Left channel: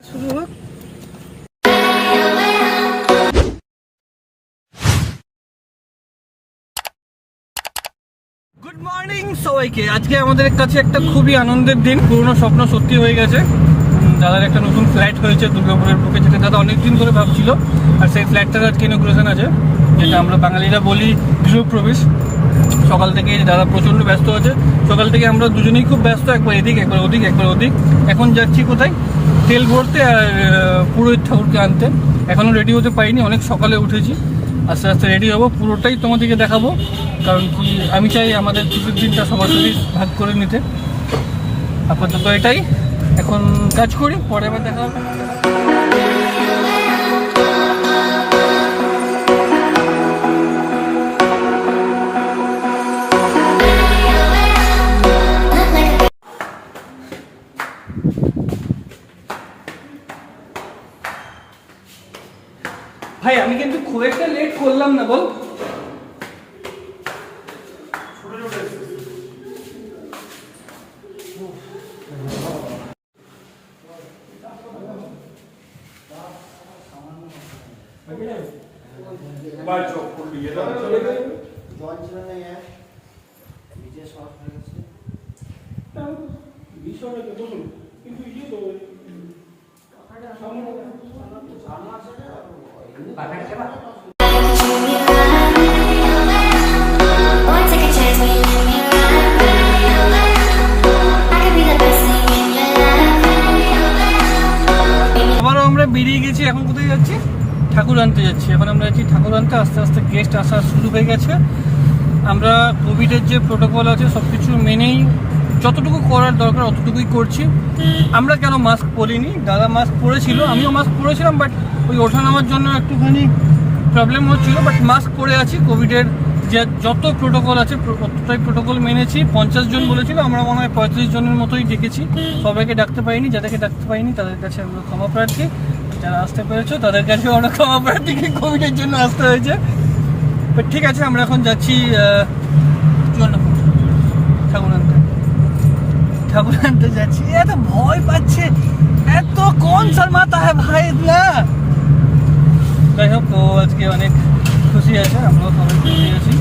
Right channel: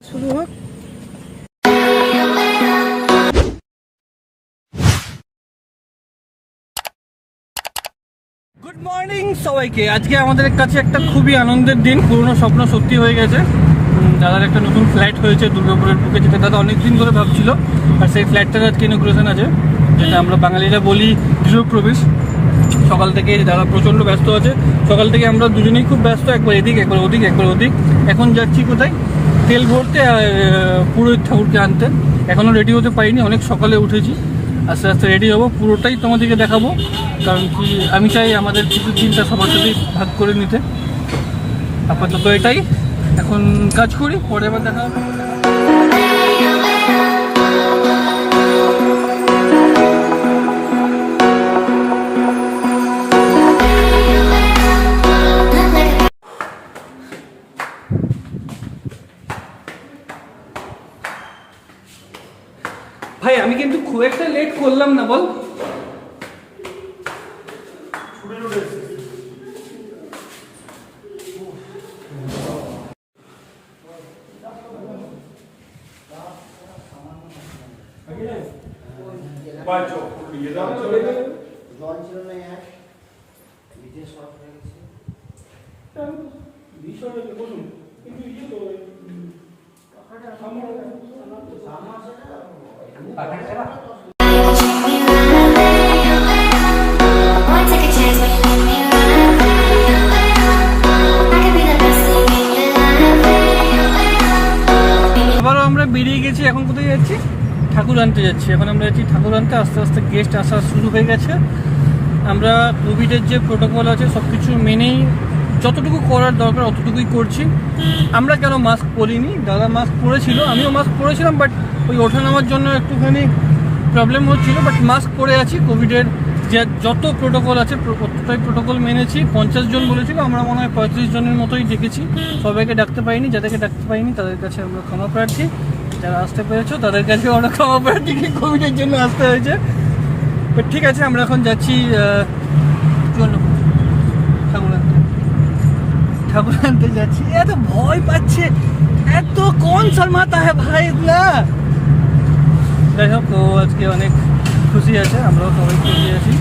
শুরু হোক। Good morning সবাইকে। আজকে আমাদের কাছে একটা খুবই আনন্দের দিন, পুরনো স্বপ্ন সত্যি হয়ে গেছে। দাদার একটা নতুন ফ্ল্যাট হয়েছে দুর্গাপুরের বুকে, যেটা দাদা অনেকদিন ধরে ভাবছিল। আর সেই ফ্ল্যাটটার আজকে ইনগ্রেশন আছে, যেটা আমরা বাঙালিরা বলি গৃহপ্রবেশ। সকাল থেকে দাদা প্রচণ্ড ব্যস্ত আছে, সকাল থেকে আমরা দুজনেই খুব ব্যস্ত, একবার এদিক একবার ওদিক একবার ওদিক। এখন যাচ্ছি কোথায়, তেল ভরতে আর পুরোহিত ঠাকুরকে আনতে। এখনও রেডি হতে পারিনি, অনেক সকালে উঠেছি, আস্তে আস্তে রেডি হবো, পুরোটাই তোমাদেরকে দেখাবো। কারণ কি আমি চাই আমাদের ছুটির দিনটা সবার সাথেই ভাগ করে নিতে। আপাতত এটাই, এখন কাজ করি, পরে আবার দেখা হবে। ভাই আমি কিন্তু খুব একটা লেট করলাম না, বল? আবারও আমরা বেরিয়ে গেছি। এখন কোথায় যাচ্ছি? ঠাকুর আনতে যাচ্ছি। এখন আমরা যাচ্ছি ঠাকুর আনতে। আস্তে আস্তে গেস্ট আসা শুরু হয়ে গেছে। আমরা কোভিডের যে প্রোটোকল আছে সব কিছু মেনেই যতটুকু করার দরকার অতটুকুই করছি। আমরা কেন মাস্ক পরিনি, দাদা মাস্ক পরেছিল, আমিও মাস্ক পরেছিলাম, বাট ওই ওঠা নামার জন্য একটুখানি প্রবলেম হচ্ছিল। বাট মাস্ক পরে আছি। কোভিডের যে যত প্রোটোকল আছে ততটাই প্রোটোকল মেনেছি। 50 জন বলেছিল, আমরা মনে হয় 35 জনের মতোই ডেকেছি। সবাইকে ডাকতে পারিনি, যাদেরকে ডাকতে পারিনি তাদের কাছে আমরা ক্ষমা প্রার্থী। যারা আসতে পেরেছো তাদের কাছে আমরা ক্ষমা প্রার্থী, কোভিডের জন্য আসতে হয়েছে। বাট ঠিক আছে, আমরা এখন যাচ্ছি ঠাকুর আনতে যাচ্ছি। এত ভয় পাচ্ছে, এত কোন শর্মাতা হ্যাঁ ভাই না। যাই হোক, ও আজকে অনেক খুশি আছে, আমরাও সবাই খুশি আছি।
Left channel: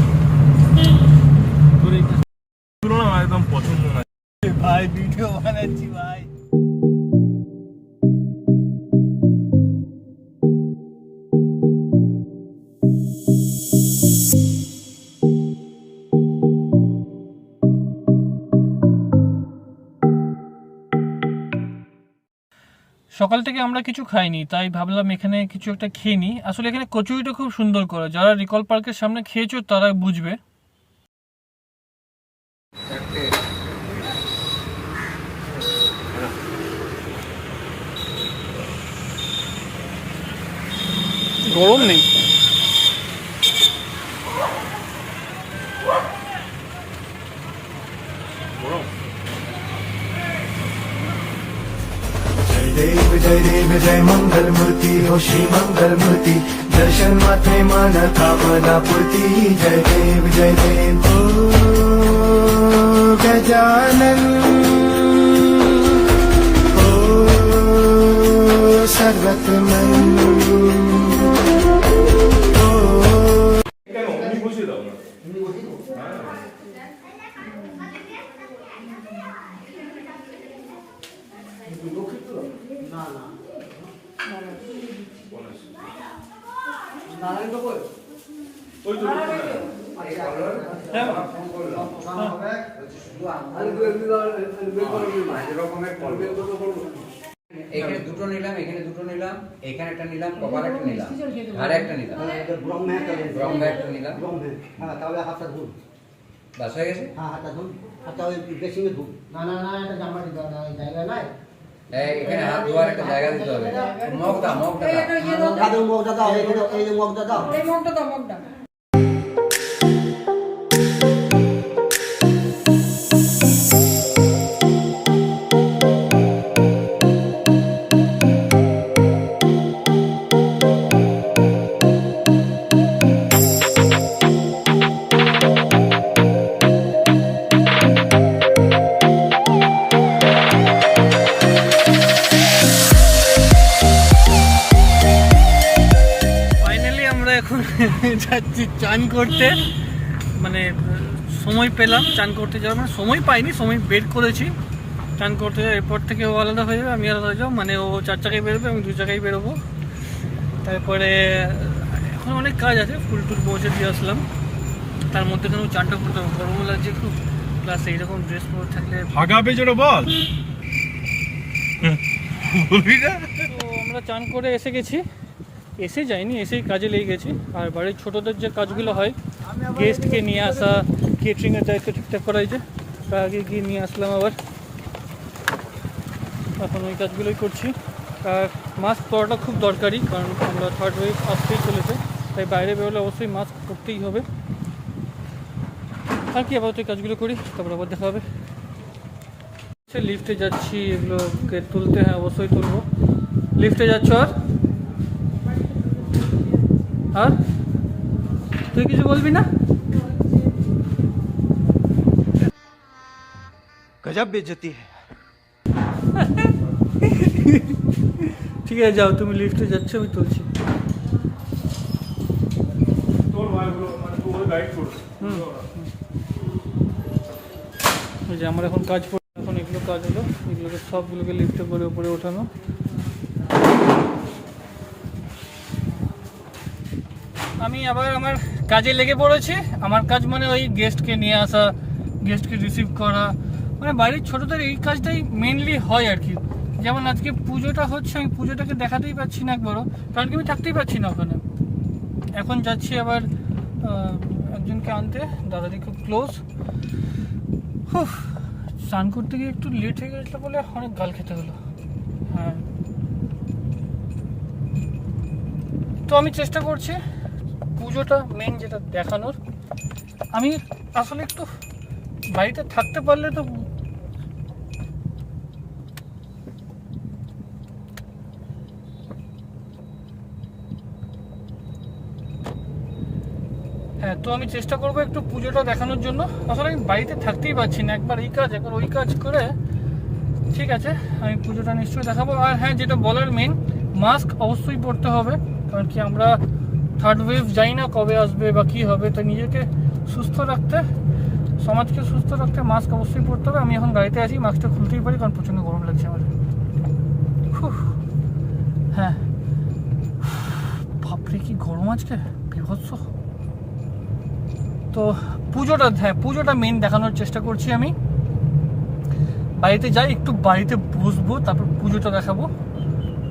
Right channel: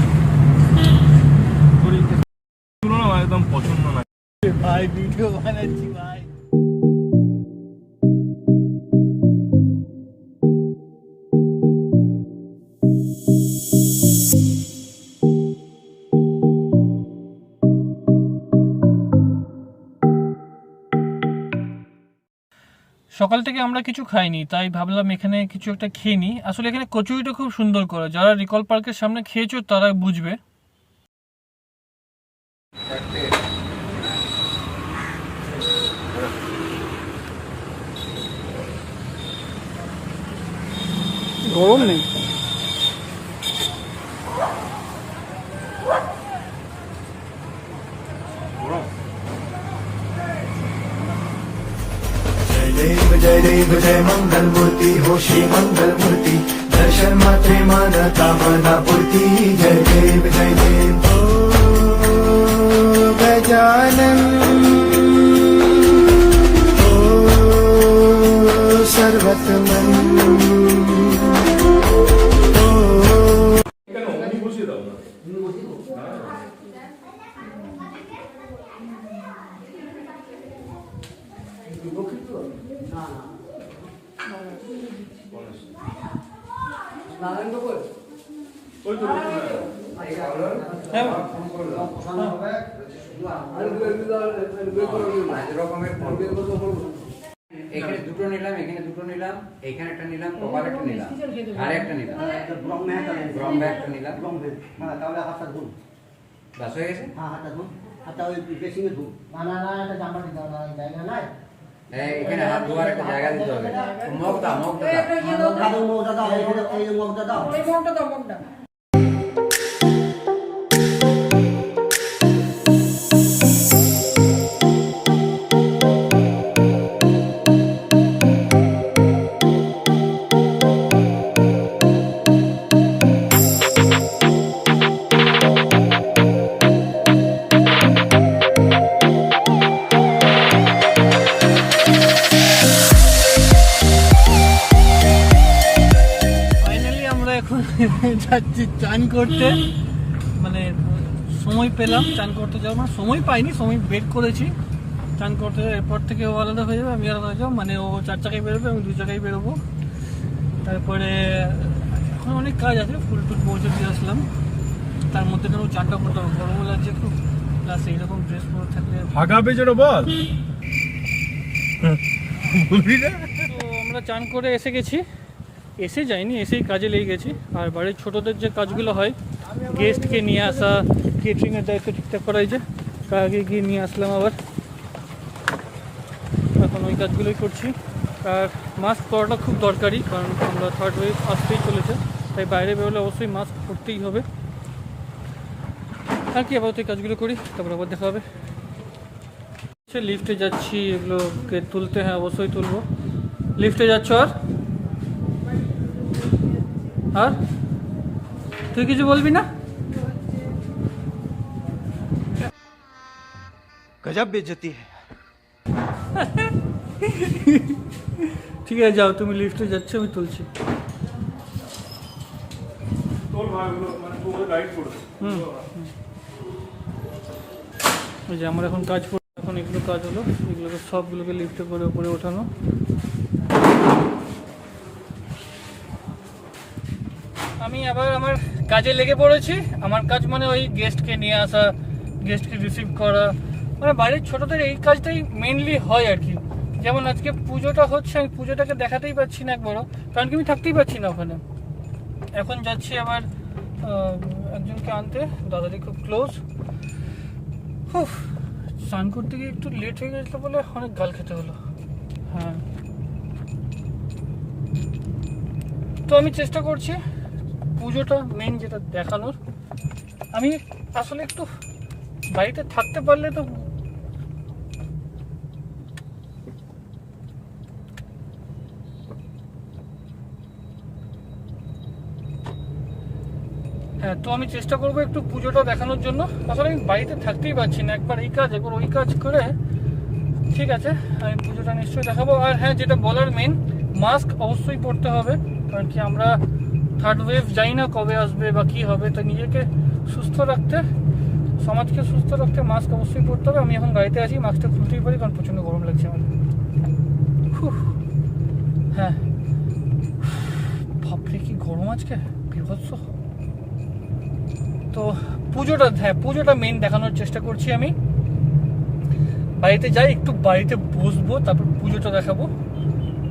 একদম পছন্দ না ভাই, ভিডিও বানাচ্ছি ভাই। সকাল থেকে আমরা কিছু খাইনি, তাই ভাবলাম এখানে কিছু একটা খেয়ে নিই। আসলে এখানে কচুরিটা খুব সুন্দর করে, যারা রিকল পার্কের সামনে খেয়েছো তারা বুঝবে। গরম নেই। जय देव जय मंगल मूर्ति हो श्री मंगल मूर्ति, दर्शन मात्रे माना कामना पूर्ति। जय देव ओ गजानन ओ सर्वतमन। এখানে দুটো নিলাম, এখানে দুটো নিলাম, এখানে একটা নিলাম, কপাল একটা নিলাম, আর একটা নিলাম, রং একটা নিলাম। তাহলে হাতটা ধুন, বাস হয়ে গেছে। হ্যাঁ হাতটা ধুন, হাতটা ওই ড্রেসিংয়ে ধুন। না না না, একটা জামা দিতে হবে, জায়গা নাই। এখানে হাত ধোয়ার একটা জায়গা দিতে হবে। মগটা মগটা দাও, মগটা দাও, এই যে মগটা দাও, মগটা যাচ্ছি চান করতে, মানে সময় পেলাম চান করতে যাওয়ার, মানে সময় পাইনি, সময় বের করেছি চান করতে। এরপর থেকে ও আলাদা হয়ে যাবে, আমি আলাদা হয়ে যাবো, মানে ও 4 চাকায় বেরোবে, আমি 2 চাকায় বেরোবো। তারপরে এখন অনেক কাজ আছে, ফুল টুল পৌঁছে দিয়ে আসলাম, তার মধ্যে কেন চানটা করতে হবে, গরমও লাগছে খুব, প্লাস এইরকম ড্রেস পরে থাকলে ফাঁকা পেজটা বল বলবি না। তো আমরা চান করে এসে গেছি, এসে যাইনি, এসেই কাজে লেগে গেছি। আর বাড়ির ছোটোদের যে কাজগুলো হয়, গেস্টকে নিয়ে আসা, কেটারিংয়ের দায়িত্ব ঠিকঠাক করা হয়েছে, আগে গিয়ে নিয়ে আসলাম আবার, এখন ওই কাজগুলোই করছি। আর মাস্ক পরাটা খুব দরকারি, কারণ আমরা 3rd ওয়েভ আসতেই চলেছে, তাই বাইরে বেরোলে অবশ্যই মাস্ক পরতেই হবে। আর কি আবার ওই কাজগুলো করি, তারপর আবার দেখা হবে। লিফটে যাচ্ছি, এগুলোকে তুলতে, হ্যাঁ অবশ্যই তুলবো। লিফটে যাচ্ছ? আর তুই কিছু বলবি না? गजब बेइज्जती है। ঠিক আছে যাও, তুমি লিফটে যাচ্ছ, আমি তুলছি। তোর ভাইগুলো মানে তোর গাইড করবে। ওই যে আমার এখন কাজ পড়ে, এখন এগুলো কাজ হলো, এগুলোকে সবগুলোকে লিফটে করে উপরে ওঠানো। আমি আবার আমার কাজে লেগে পড়েছি। আমার কাজ মানে ওই গেস্টকে নিয়ে আসা, গেস্টকে রিসিভ করা, মানে বাড়ির ছোটোদের এই কাজটাই মেনলি হয় আর কি। যেমন আজকে পুজোটা হচ্ছে, আমি পুজোটাকে দেখাতেই পাচ্ছি না একবারও, কারণ কি আমি থাকতেই পারছি না ওখানে। এখন যাচ্ছি আবার একজনকে আনতে, দাদাটি খুব ক্লোজ। স্নান করতে গিয়ে একটু লেট হয়ে গেছিলো বলে অনেক গাল খেতে হলো। হ্যাঁ, তো আমি চেষ্টা করছি পুজোটা মেন যেটা দেখানোর। আমি আসলে একটু বাড়িতে থাকতে পারলে তো, হ্যাঁ, তো আমি চেষ্টা করবো একটু পুজোটা দেখানোর জন্য। আসলে আমি বাড়িতে থাকতেই পারছি না, একবার এই কাজ একবার ওই কাজ করে। ঠিক আছে, আমি পুজোটা নিশ্চয়ই দেখাবো। আর হ্যাঁ, যেটা বলার মেন, মাস্ক অবশ্যই পরতে হবে, কারণ কি আমরা 3rd ওয়েভ যাই না কবে আসবে বা কী হবে, তো নিজেকে সুস্থ রাখতে, সমাজকে সুস্থ রাখতে মাস্ক অবশ্যই পরতে হবে। আমি এখন গাড়িতে আছি, মাস্কটা খুলতেই পারি, কারণ প্রচণ্ড গরম লাগছে আমার। হ্যাঁ, বাপরে কি গরম আজকে, বিভৎস। তো পুজোটা, হ্যাঁ পুজোটা মেন দেখানোর চেষ্টা করছি আমি। বাড়িতে যাই, একটু বাড়িতে বসবো, তারপর পুজোটা দেখাবো।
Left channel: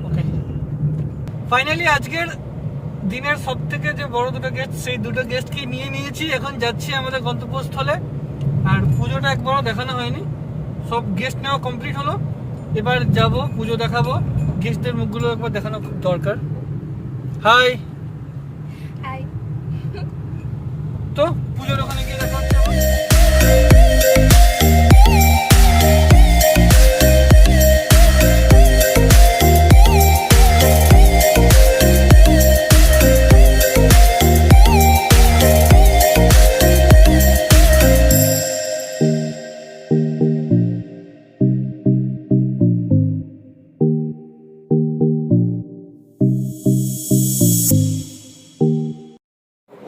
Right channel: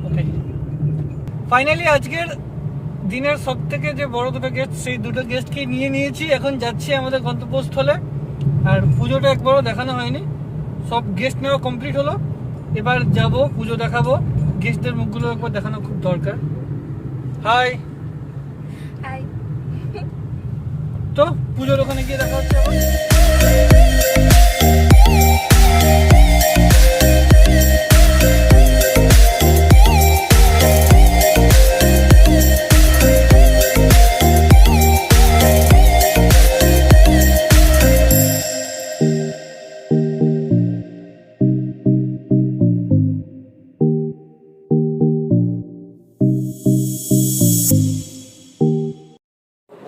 ওকে, ফাইনালি আজকের দিনের সব থেকে যে বড় দুটো গেস্ট, সেই দুটো গেস্টকে নিয়ে নিয়েছি। এখন যাচ্ছি আমাদের গন্তব্যস্থলে। আর পুজোটা একবারও দেখানো হয়নি, সব গেস্ট নেওয়া কমপ্লিট হলো। এবার যাব, পুজো দেখাবো, গেস্টদের মুখগুলো একবার দেখানো খুব দরকার। হাই, তো পুজোর ওখানে গিয়ে দেখা হচ্ছে আবার।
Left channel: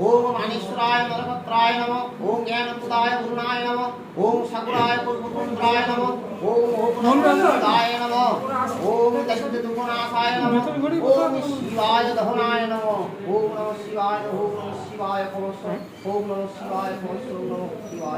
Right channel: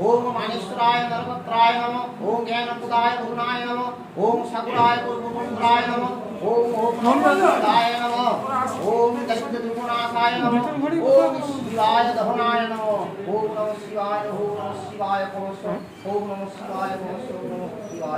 ओम मानेश्वराय नरपत्राय नमः। ओम ज्ञानप्रदाय गुरुणाय नमः। ओम सगुणाय पूर्वपुंड्राय नमः। ओम ओमदाय नमः। ओम दैत्यदुर्गुणासाय नमः। ओम शिवाय दहनाय नमः। ओम नमः शिवाय। ओम नमः शिवाय परमस्व। ओम नमः शिवाय परमस्व। ओम नमः शिवाय।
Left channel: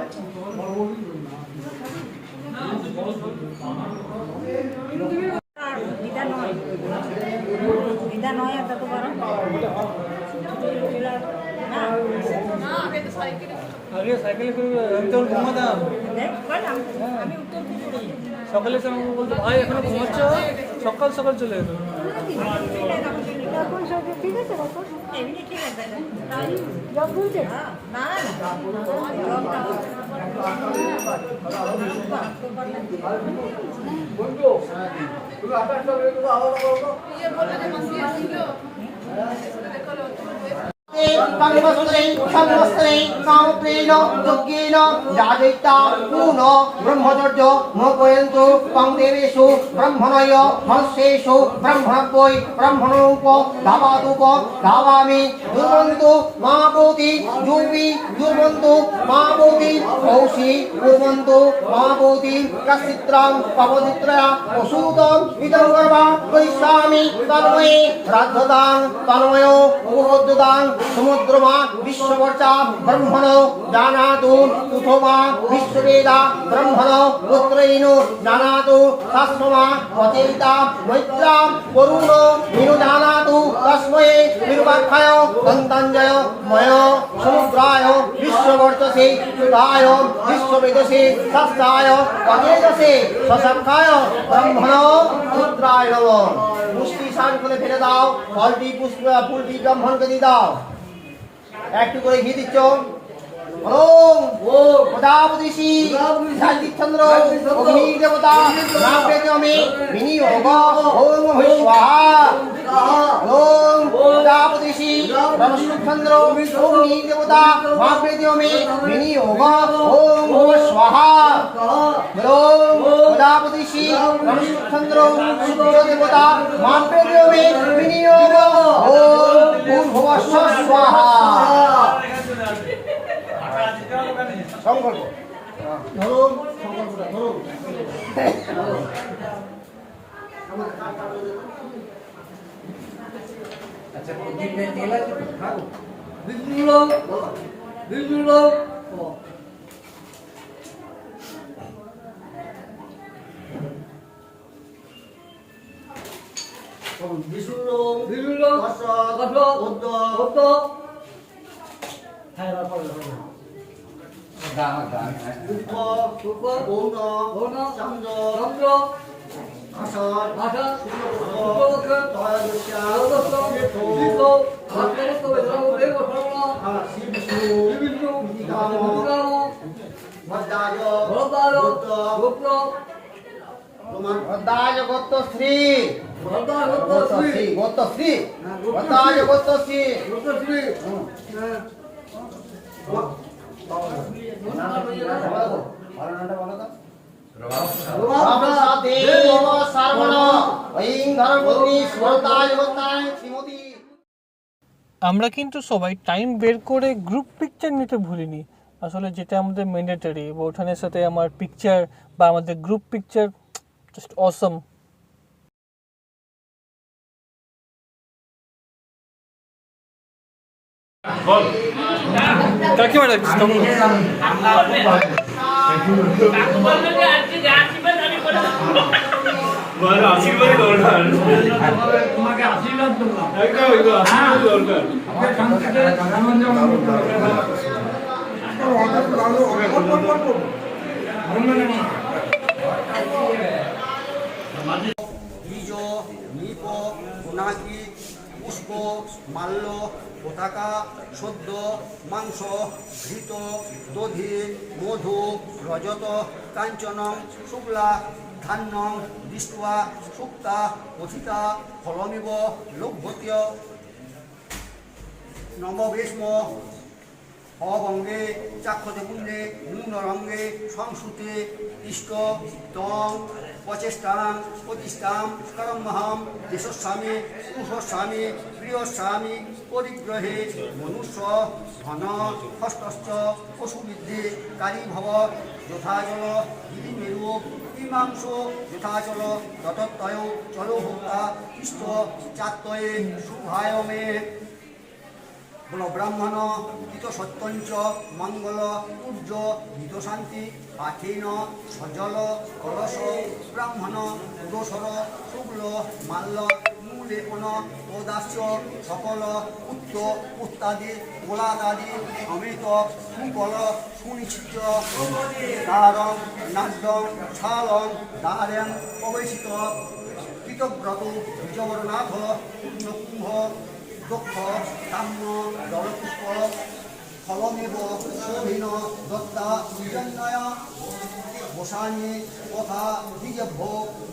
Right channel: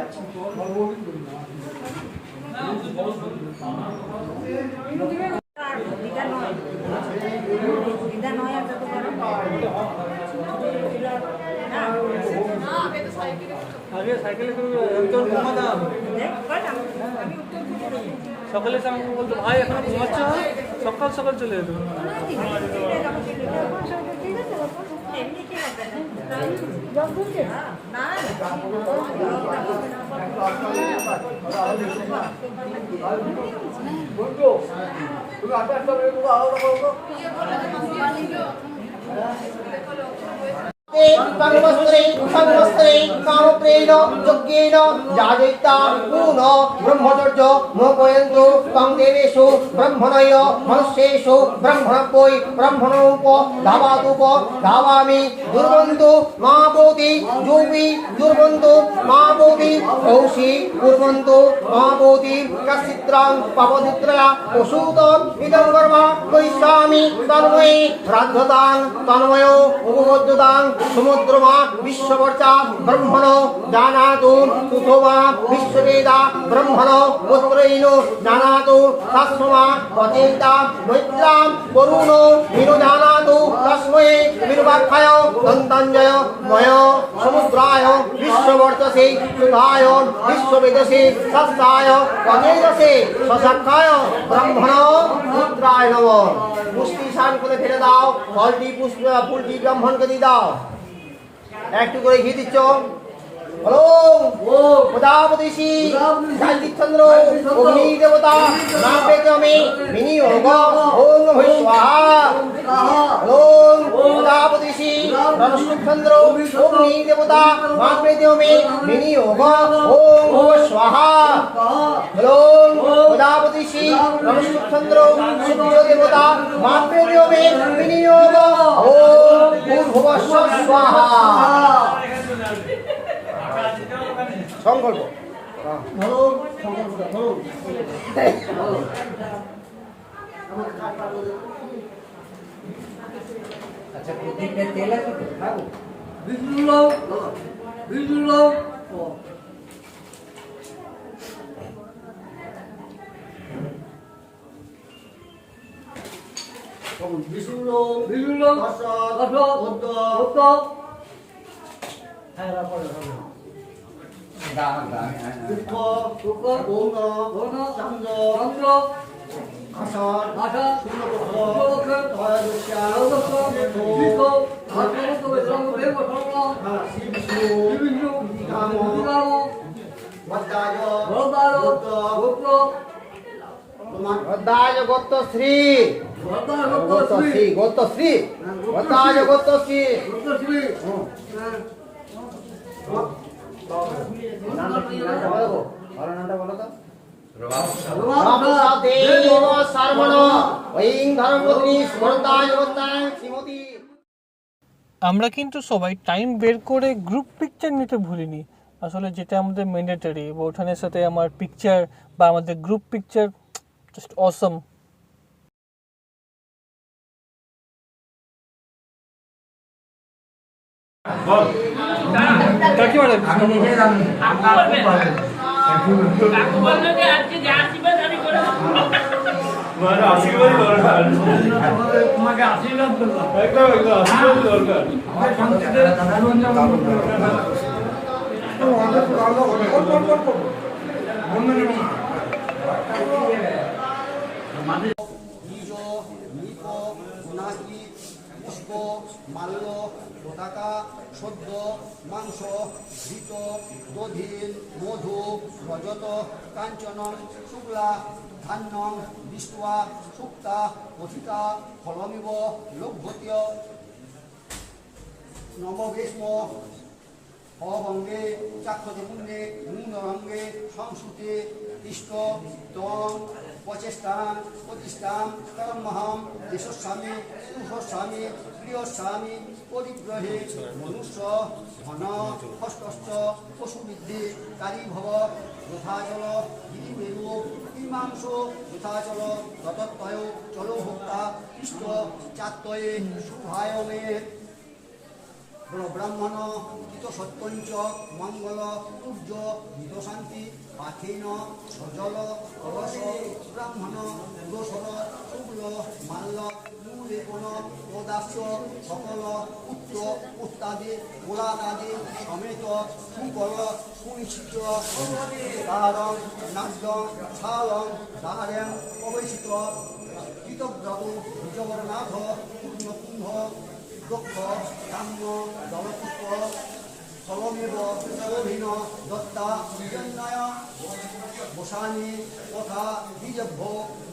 আগে সাইকেলে করে আমি তখন ঘুমাতাম, সকালে এসে আমাকে বলতো ভাই এখনো ঘুমাচ্ছ, সকাল সকাল চলে যেত। कर्मस्त्रे सर्वस्त्रे कामप्रेण यज्ञेन याजयिता पूर्ण ब्रह्मचर्य मोपयन्तु त्वं देवेषु ब्रह्मणय मनुष्येषु ब्रह्मणोपै ब्रह्मणोप धावादुप धावामि दुर्वन्तु महाभूति जोमि दुर्वन्तु महाभूति औषि कुर्वन्तु महाभूति कश्चित्रां पवनित्रया वसूतं इदं कर्म करिष्यामि तन्मे राद्धतां तन्मयो उपबोद्धतां समुद्रमा विश्ववर्चा ब्रह्मणो जानातु उथवा विश्ववेदा ब्रह्मणो पुत्रैनो जानातु तस्मा अचेता मैत्रां वरुणो विनु जानातु तस्मै विनुवाख्याय दन्ताञ्जय मय समुद्राय विश्ववर्चसे सुधाय विश्ववेदसे सत्ताय अजेदसे सशक्ताय ब्रह्मणो रुद्राय नमः मुष्टि शान করে ফেলে দাও ফলটি পুষ্প ফুলটি ব্রাহ্মণকে দিয়ে দাও একটু করে ঘি দিচ্ছ ওম প্রজাপতিষি ঝালতিচন্দ্র অগ্নি দেবতা নাপেতমে মিনি ওম ওম স্বাহা ওম প্রজাপতিষি ঝালতিচন্দ্র অগ্নি দেবতা নাপেতমে মিনি ওম ওম স্বাহা ওম প্রজাপতিষি ঝালতিচন্দ্র সূর্য দেবতা নাপেতমে মিনি ওম ওম ভূর্ভুবস্ব স্বাহা সংকল্প ধরুন সংকল্পটা ধরুন আচ্ছা প্রদীপের তেল আছে তো? খাবো গোত্রশ্রী গোত্রশ্রী গোত্রশ্রী গোত্রশ্রী আমরা কিন্তু সবাই টাইম বের করে গ্রুপ পিকচার নিতে ভুলিনি। আসলে যেটা আমাদের ম্যান্ডেটরি, ওঠানের সাথে আমার পিকচার বা আমাদের গ্রুপ পিকচার জাস্ট অসম। কাকিমা ডাকছিস কেমন? আশীর্বাদ দরকার, তোমাকে আশীর্বাদ করলাম, একদম আশীর্বাদ দরকার। বীজ নিপ গুণাকি পুষ্প মাল্য পতাকা সদ্য মাংস ঘৃত দধি মধু রজত কাঞ্চনম শুক্লা ধান্যং দৃষ্টা সুক্তা পথিতা ফলমিব লভ্যত্য নববেশ্ম অবঙ্গে চাক্ষতে পুণ্যে নূনরঙ্গে সংস্কৃতে ইষ্ট তং প্রচেষ্টাং প্রতিষ্ঠাং করমহম দেশস্বামী কুশস্বামী প্রিয়স্বামী পরিগ্রহে মনুষ্য ধন হস্তস্থ পশুবৃদ্ধি কারী ভব যথাচল গিরিমেরু ইমাংস যথাচল ততত্তয় চলোভোক্তা ইষ্ট চাত্তয়ে শুভায়মে বলো ব্রাহ্মণ হিত সত্যঞ্চ মঙ্গল সূর্য হিত শান্তি পাথেন সজল কলস ব্রাহ্মণ পুরসর শুক্ল মাল্য মূলেপন প্রদাস্য সকল উত্ত উত্তাদি গোলাদাদি সমেত সুকল সুনিশ্চিত তারং নাদ্যং ছালং দ্বারেং প্রবেশিত কৃতব্রত বিজবরনাথ পূর্ণকুম্ভ দক্ষ কাম্য দলপুষ্প ফলমেব শোভিন দত্তা বিজন্নয় বসানি তথা দ্বিজভ্য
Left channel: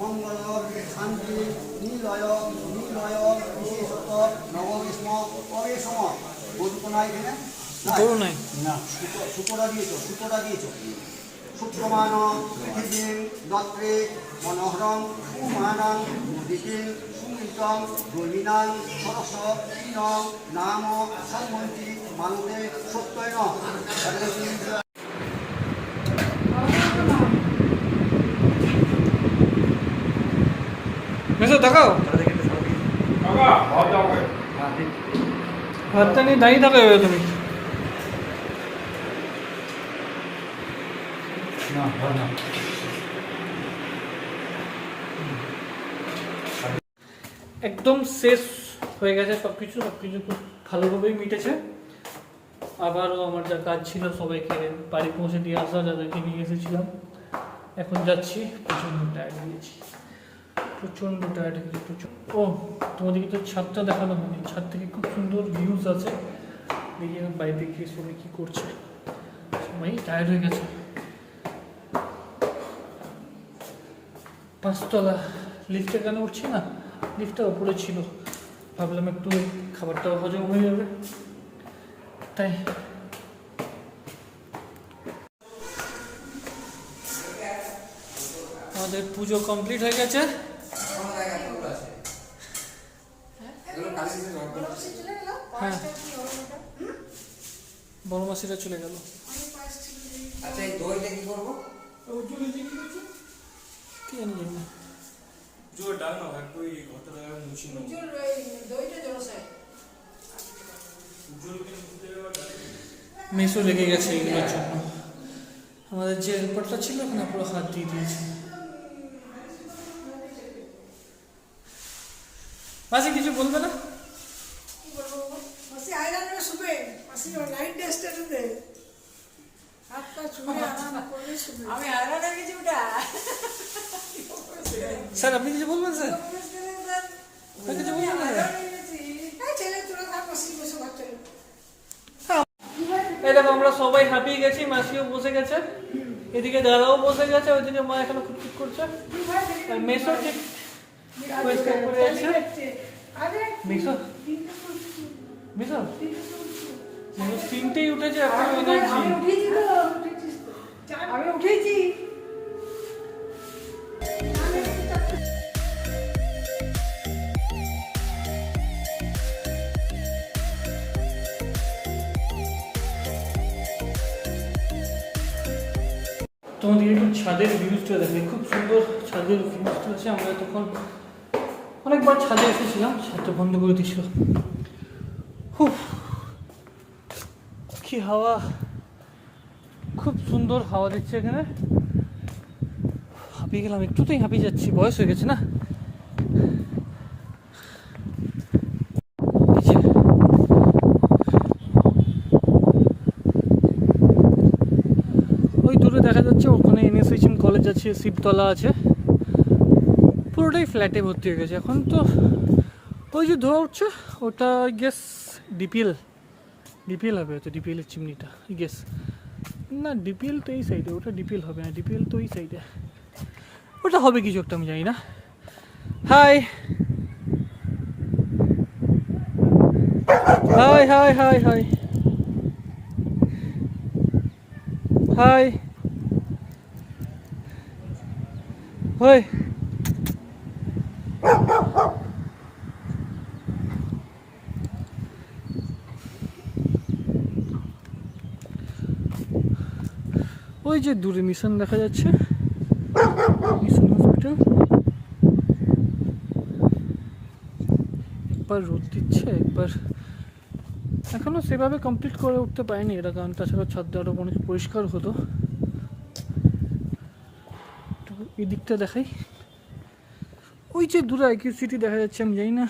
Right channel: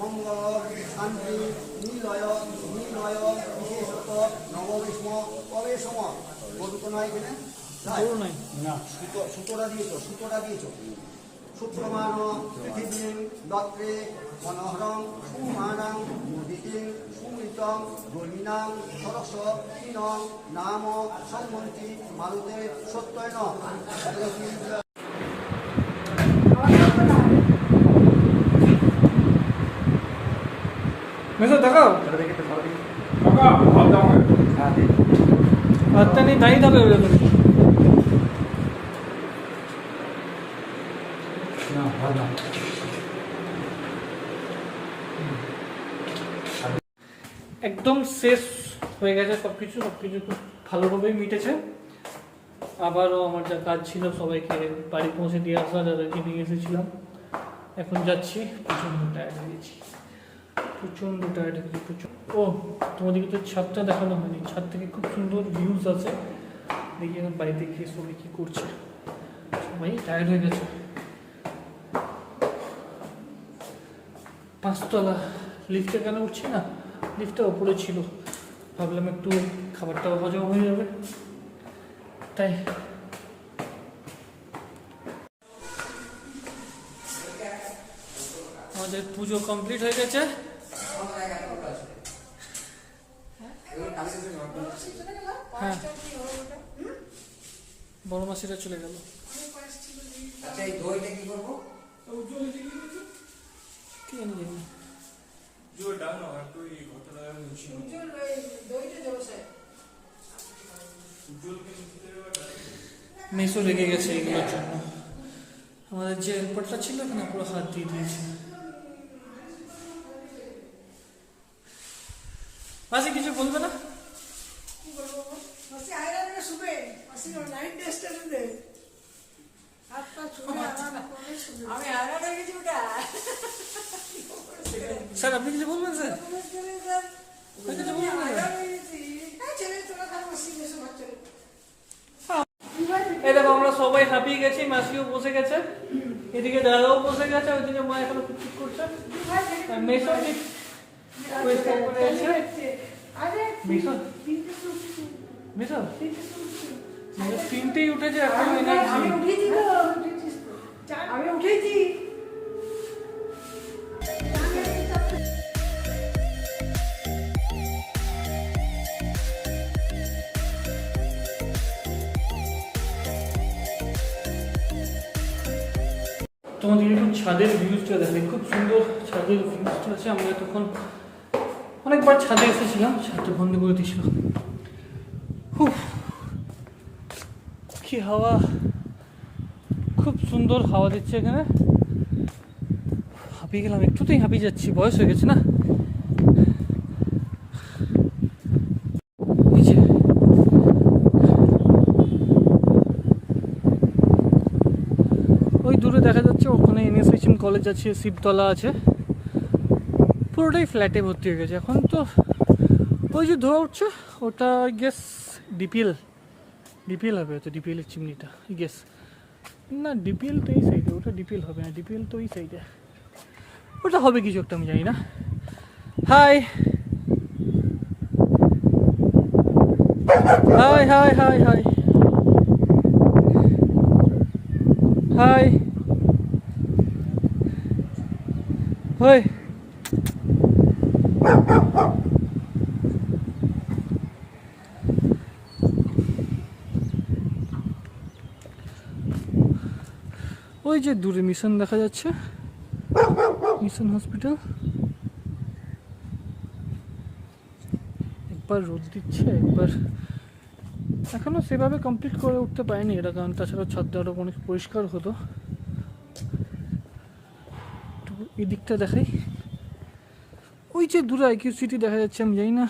মঙ্গল শান্তি নিলয় নিলয় বিশেষত নববিষ্ম প্রবেশম সুতো নাই এখানে গরু নাই। সুতোটা দিয়েছো শুক্রমান পৃথিবীং দত্রে মনোহরং সুমানং মুদিতিং সুমিতং জলিনাং সরস তিনং নাম সম্মন্তি মানতে সত্যয় ন। মেসো দেখাও, বাবা ভালো হবে হাতটা নিয়ে দাঁড়িয়ে থাকো এভাবে তুমি। না ভালো না একদম শেষ হয়ে গেছে সব কিছু খুব ভালোভাবেই মিটেছে। আবারও আমার যা কাজ ছিল সবাইকে বাড়ি পৌঁছে দিয়ে আসা, যাদেরকে নিয়ে এসেছিলাম। এখন যাচ্ছি, প্রচণ্ড টায়ার্ড হয়ে গেছি, ও তোমাদেরকে তো ছাদটা দেখানো হয়নি, ছাদ থেকে খুব সুন্দর ভিউজ আছে। দেখি এখন বাড়িতে গিয়ে সবাই কী করছে, সবাই টায়ার্ড হয়ে গেছে। 5 তলা, লিফটে কেন উঠছি না, লিফটটা ওপরে ছিল, ভাবলাম একটু খাবারটাও হজম হয়ে যাবে তাই। আমাদের পুজো কমপ্লিট হয়ে গেছে। হ্যাঁ, বড় মাসিরা চলে গেল। আচ্ছা এই দইটা কি করবো? কি জানি জানি না। মেসো রেগে গেছে এগুলোর জন্য। আমাদের যে হেল্পারটা ছিল এখানে পুরো হাত দিয়ে দিয়েছে। মাসি কিছু বলবে না? স্যার আপনি কিছু বলবেন স্যার? কিছু বলবেন না স্যার? এই দেখো আমরা সবাই হাঁপিয়ে গেছি, মাসিও বসে গেছে, এদিকে দাদাও বসে গেছে, ওইদিকে মা এখানে খুঁটখুট করছে। মেসো ঠিক পরিষ্কার করে আছে। মেসো মেসো তিনটেই উঠেছে এখন। আমি উঠেছি। তোমাদের একটু ছাদের ভিউজটা দেখে, খুব সুন্দর ছাদের ভিউজটা আছে। আমরা তখন অনেকবার ছাদে এসেছিলাম, ছাদটা বন্ধ করে দিয়েছিল। কি হাওয়া, খুব সুন্দর হাওয়া দিচ্ছে এখানে। হাঁপিয়ে গেলাম, একটুতেই হাঁপিয়ে যাচ্ছি, বয়স হয়ে গেছে না। ওই দূরে দেখা যাচ্ছে ওখানে এনএসএইচএম কলেজ আছে, শিবতলা আছে, পুরোটাই ফ্ল্যাটে ভর্তি হয়ে গেছে এখন। তো ওই যে ধোয়া উঠছে ওটা গেস ডিপিএল হবে, হয়তো ডিপিএলের চিমনিটা গেস। না ডিপিএল তো এই সাইডে, ওটা ডিপিএল হবে না, ডিপিএল তো এই সাইডে, ওটা হবে কিছু একটা, আমি জানি না। High high high high high high high. ওই যে দূরে মিশন দেখা যাচ্ছে, মিশন হসপিটাল। একবার রোদ দিচ্ছে, একবার এখনো সেভাবে কমপ্লিট করে উঠতে পারেনি এটা, কারণ তাছাড়া ছাদটা আরো অনেক পরিষ্কার হতো। এই দিকটা দেখাই, ওই যে দূরে আইকিউ সিটি দেখা যাচ্ছে, আমি জানি না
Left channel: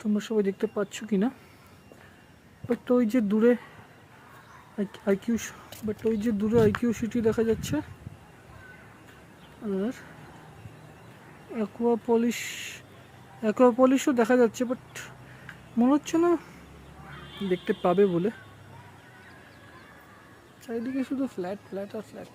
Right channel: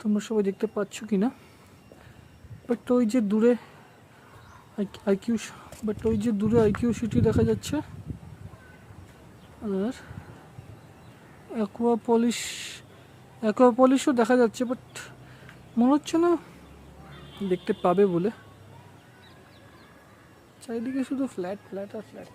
তোমরা সবাই দেখতে পাচ্ছ কি না, বাট ওই যে দূরে আইকিউ সিটি দেখা যাচ্ছে। আর অ্যাকোয়াপলিশও দেখা যাচ্ছে, বাট মনে হচ্ছে না দেখতে পাবে বলে। চারিদিকে শুধু ফ্ল্যাট ফ্ল্যাট আর ফ্ল্যাট।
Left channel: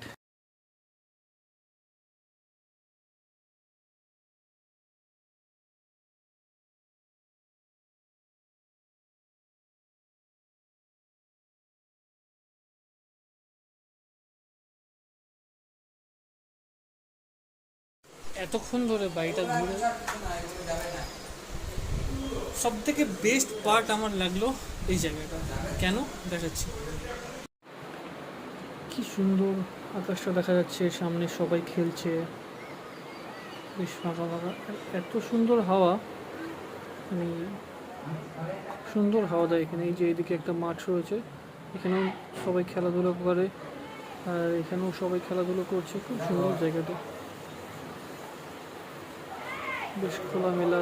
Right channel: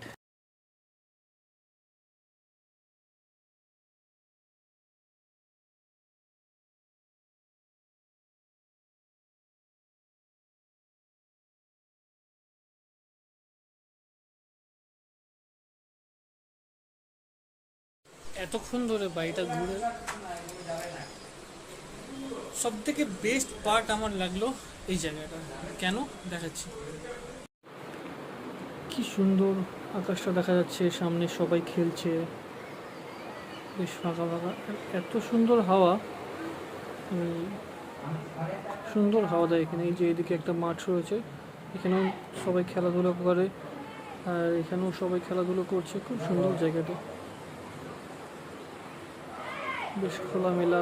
এতক্ষণ ধরে বাড়িটা ঘুরে সব থেকে বেস্ট পার্ট আমার লাগলো এই জায়গাটা। কেন দেখাচ্ছি। কি সুন্দর আকাশটা দেখা যাচ্ছে, সামনে সবাই খেলছে, বেশ ফাঁকা ফাঁকা, এত সুন্দর হাওয়া। আমি খুব সুন্দর হাওয়া দেয় এখানে। এই যে এদিকে একটা মাঠ রয়েছে, এখানেও সবাই খেলাধুলো করে, আর এখানেও সবাই খেলাধুলো করছে। খুব সুন্দর জায়গাটা, বেশ খোলামেলা।